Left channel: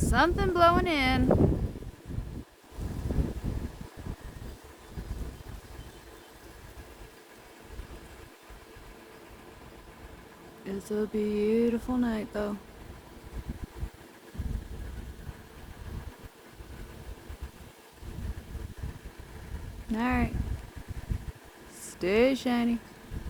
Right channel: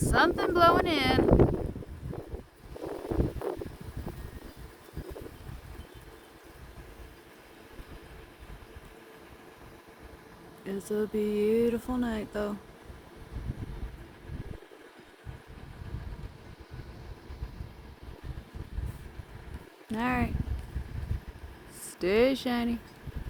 Something blowing in. It's a beautiful night, though. Alright. Stay shiny.